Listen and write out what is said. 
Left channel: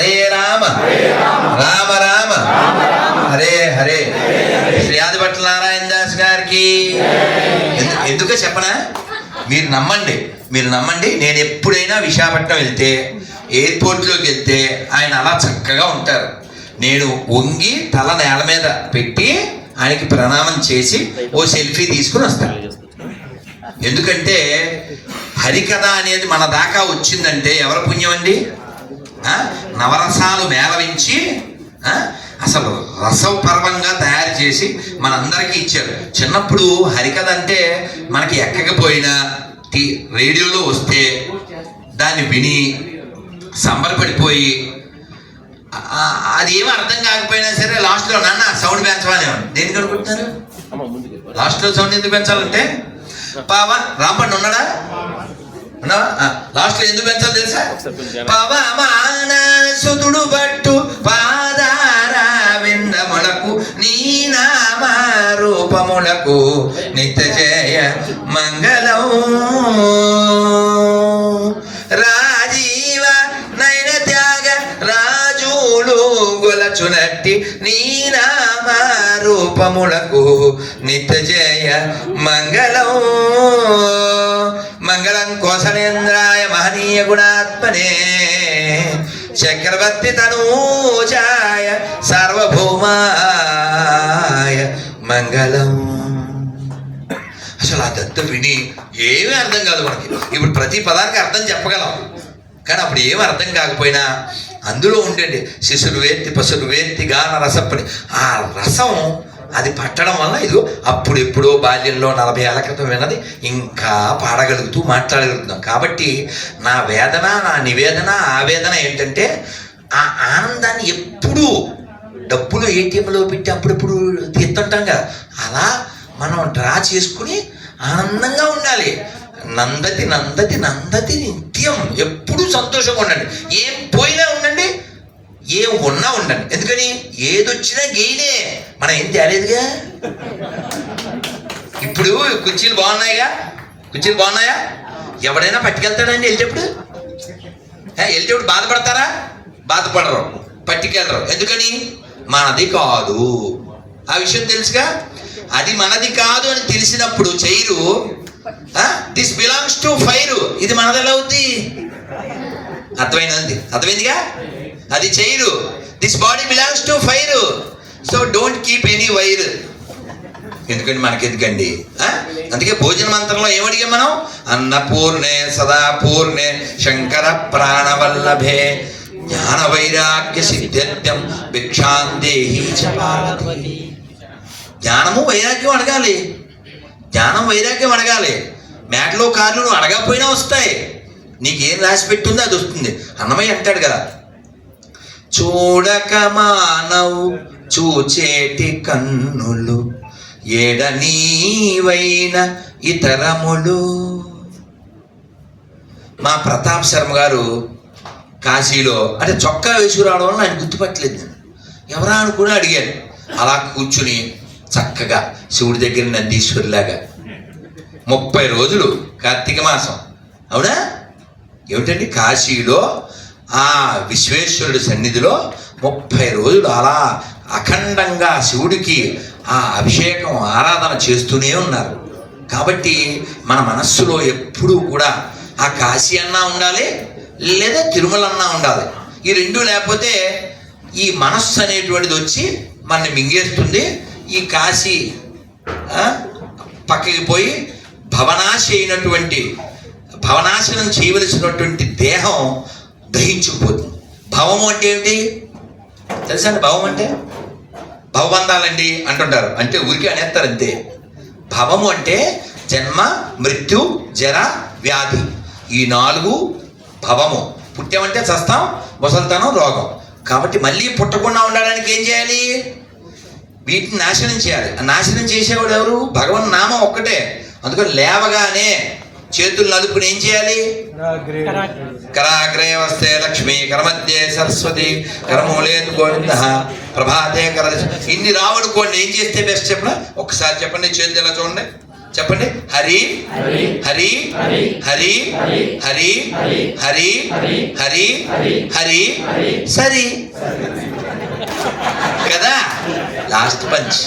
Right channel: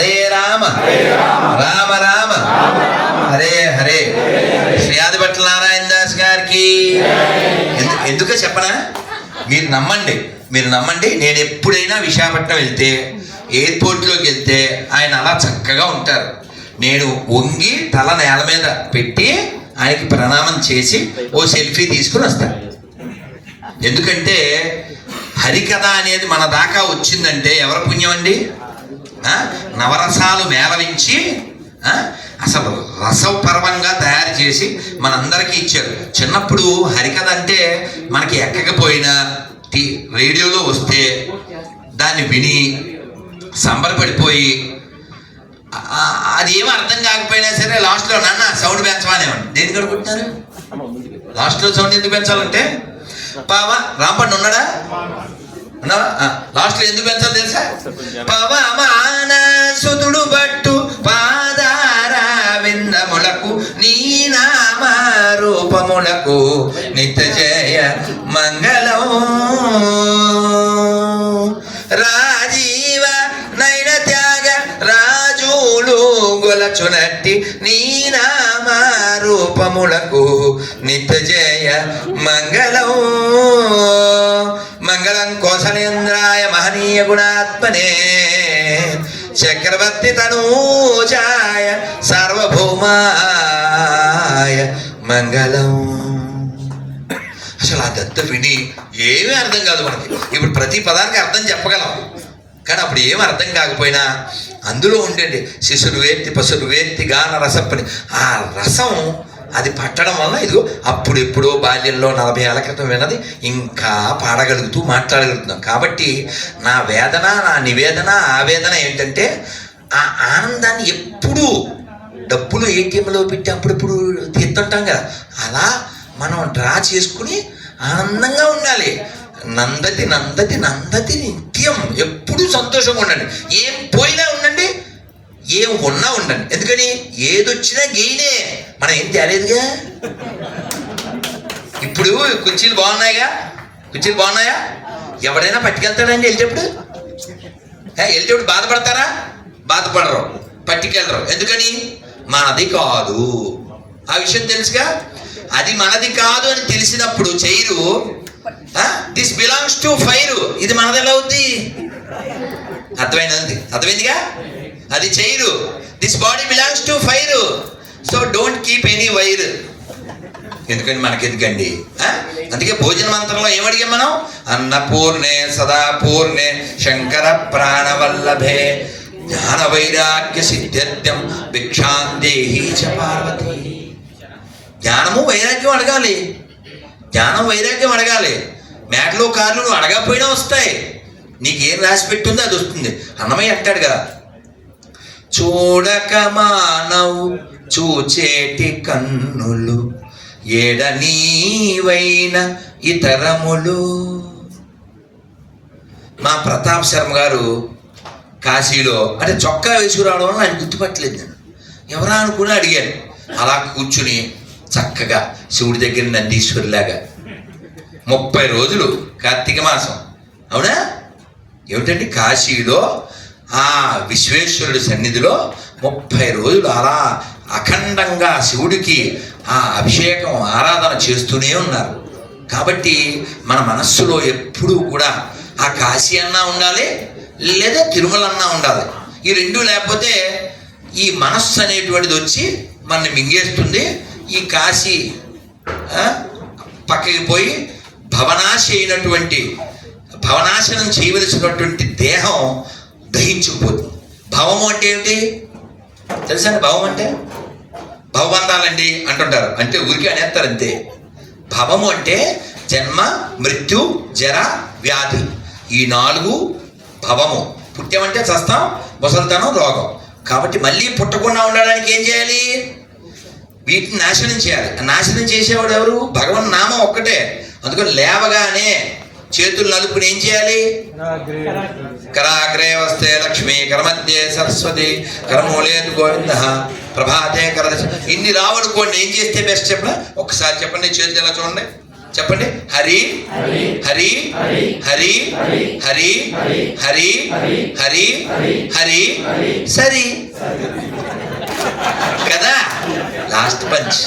హరే రామ. రామ రామ. హరే హరే. శ్రీయాదిపట్ల నారాయణ దాస్ గారికి. ఎందుకు ఎందుకో చెప్పనా? మీరు నమ్మండి. మీరు నమ్మండి. నేను ఎప్పుడైనా విశాఖపట్నం వెళ్తే ఎయిర్పోర్ట్లోకి వెళ్తే ఆయన అలా చక్కగా ఉంటారు. నేను వంగి తల నేల మీద పెట్టి ఆయనకి ప్రణామం చేసి ఓ సెల్ఫీ తీసుకుని వస్తాను ఎందుకంటే హరికథ అనేది మన దాకా వచ్చిందంటే ఎవరి పుణ్యం అండి నవరసాలు మేళవించి? అసలు రసపర్వంగా తయారు చేసి మనందరికీ ఇచ్చారు. చిన్నప్పుడు హరికథ అంటే మనకి ఎక్కకపోయినా టీ- రేడియోలో వస్తే దాన్ని విని సంబరపడిపోయి అది ఏమీ అర్థం కాకపోయినా సరే లాస్ట్లో నాన్న సౌండ్ పెంచమనే దేనికి అనుకుంటున్నారు? లాస్ట్లో సౌండ్ ఎందుకు పెంచాలంటే? పావా రాంపండు ఉన్నాడా? లాస్ట్లో ఎందుకు పెంచాలి తెలుసా? పవమాన సుతుడు రూపములకు నిత్య జయ మంగళం. రాజీవ నైన త్యాగ రాజులు గొలచునట్టి నీ నామ రూపములకు నిత్య జయ మంగళం. మంగళం కోసనేంద్రాయ మహనీయ గుణాత్మనే. చక్రవర్తి తనూజాయ సార్వభౌమాయ మంగళం. అసలు ఆ దత్త విని ఏమీ అర్థం కాదు మనకి. ఇప్పుడు ప్రతి పదానికి అర్థం చెప్పగలం. కానీ అప్పుడు ఏమీ అర్థం కాకపోయినా అందులో ఉండేది శిశురు వేర్తి పసురు వేర్తి గాన రసప్పని ఆ రసం అది పట్టడం వల్ల ఇదిగో అప్పుడు ఎప్పుడో బాల్యంలో నలభై ఏళ్ళ క్రితం విన్నది ఇంకా పాడగలుగుతూ మాట్లాడగలుగుతున్నాం. కాబట్టి నా వేదన నా నివేదన ఆవేదన ఏంటంటే ఆ ఆనందాన్ని ఎప్పుడూ డబ్బులు ఏటీఎంలో పెట్టి అప్పుడప్పుడు తీస్తుంటాం కదా అలా మనం డ్రా చేసుకుని ఆనందంగా ఉండాలి. నందతి నందతి నందతి నిత్యం ఎప్పుడూ సంతోషంగా ఉండండి. ఏం పోయినా ఉండండి ఏం ఉన్నా ఉండండి. ఎందుకని? ఏదొచ్చినా గెయినే. మనం ఏం తేలేదుగా? ఇప్పుడు కుర్చీలు బాగున్నాయిగా? కుర్చీలు బాగున్నాయా? ఎవడైనా పట్టుకెళ్తాడండి వెళ్ళేటప్పుడు? వెళ్ళేటప్పుడు బాధపడతారా? బాధపడరు. పట్టుకెళ్ళరు. ఎందుకని? మనది కాదు. ఆ విషయం తెలుసుగా? అది మనది కాదు అని తెలిసినప్పుడు chair this belongs to fire ఇది మనది ఎలా అవుద్ది? అర్థమైనది అర్థమైందిగా? అది chair this body belongs to fire so don't keep any wire ఎందుకండి మనకి ఎందుకండి అందుకే భోజన మంత్రంలో ఏమడిగాం మనం? అన్నపూర్ణే సదాపూర్ణే శంకర ప్రాణవల్లభే జ్ఞాన వైరాగ్య సిద్ధ్యం భిక్షాందేహి చ పార్వతి. జ్ఞానము వైరాగ్యం అడగాలి. జ్ఞానం వైరాగ్యం అడగాలి. మేటలో కార్లు నువ్వు అడగకపోయినా వస్తాయి. నీకేం రాసి పెట్టుందో అది వస్తుంది. అన్నమయ్య అంటాడు కదా చూడక మానవు చూచేటి కన్నులు ఏడ నీవైన ఇతరములు. మా ప్రతాప్ శర్మ గారు కాశీలో. అంటే చొక్కా వేసుకురావడం వల్ల ఆయన గుర్తుపట్టలేదు నేను. ఎవరా అనుకుని అడిగాను. అలా కూర్చుని చక్కగా శివుడి దగ్గర నందీశ్వరులాగా. ముప్పై రోజులు కార్తీక మాసం. అవునా? ఏమిటండి కాశీలో? ఆ విశ్వేశ్వరుడి సన్నిధిలో ముప్పై రోజులు అలా అఖండంగా శివుడికి ఆ అభిషేకం ఆరాధన చేస్తూనే ఉన్నారు. కాబట్టి మన మనస్సులో ఎప్పుడూ కూడా ఆ కాశీ అన్నా ఉండాలి లేదా తిరుమలన్నా ఉండాలి. ఈ రెండు లేకపోతే ఈ మనస్సు అనేటువంటిది వచ్చి మనని మింగేస్తుంది. ఈ కాశీ పక్కకి పోయి భవనాశ అయినటువంటి భవనాశనం చేయవలసినటువంటి దేహం దహించుకుపోతుంది భవము అంటే ఏమిటి? తెలుసా అండి భవం అంటే? భవబంధాలండి అంటుంటారు. అంటే ఊరికి అనేస్తారు అంతే. భవము అంటే జన్మ మృత్యు జర వ్యాధి. ఈ నాలుగు భవము. పుట్టామంటే చస్తాం ముసలితనం రోగం. కాబట్టి మళ్ళీ పుట్టకుండా ఉండడానికి ఏం చేయాలి? వీటిని నాశనం చేయాలి. నాశనం చేసేవాడు ఎవరు? భగవన్ నామం ఒక్కటే. అందుకని లేవగానే చేతులు నలుపుని ఏం చేయాలి? కరాగ్రే వస్తే లక్ష్మి కరమధ్యే సరస్వతి కరమూలేదు గోవింద ప్రభాతే కర ఇన్ని రావనుకోండి ఏం చేస్తే బెస్ట్ చెప్పండి ఒకసారి చెప్పండి చేతులు ఎలా చూడండి. చెప్పండి హరి హరి హరి హరి హరి హరి హరి సరి కదా లాస్ట్ పంచ్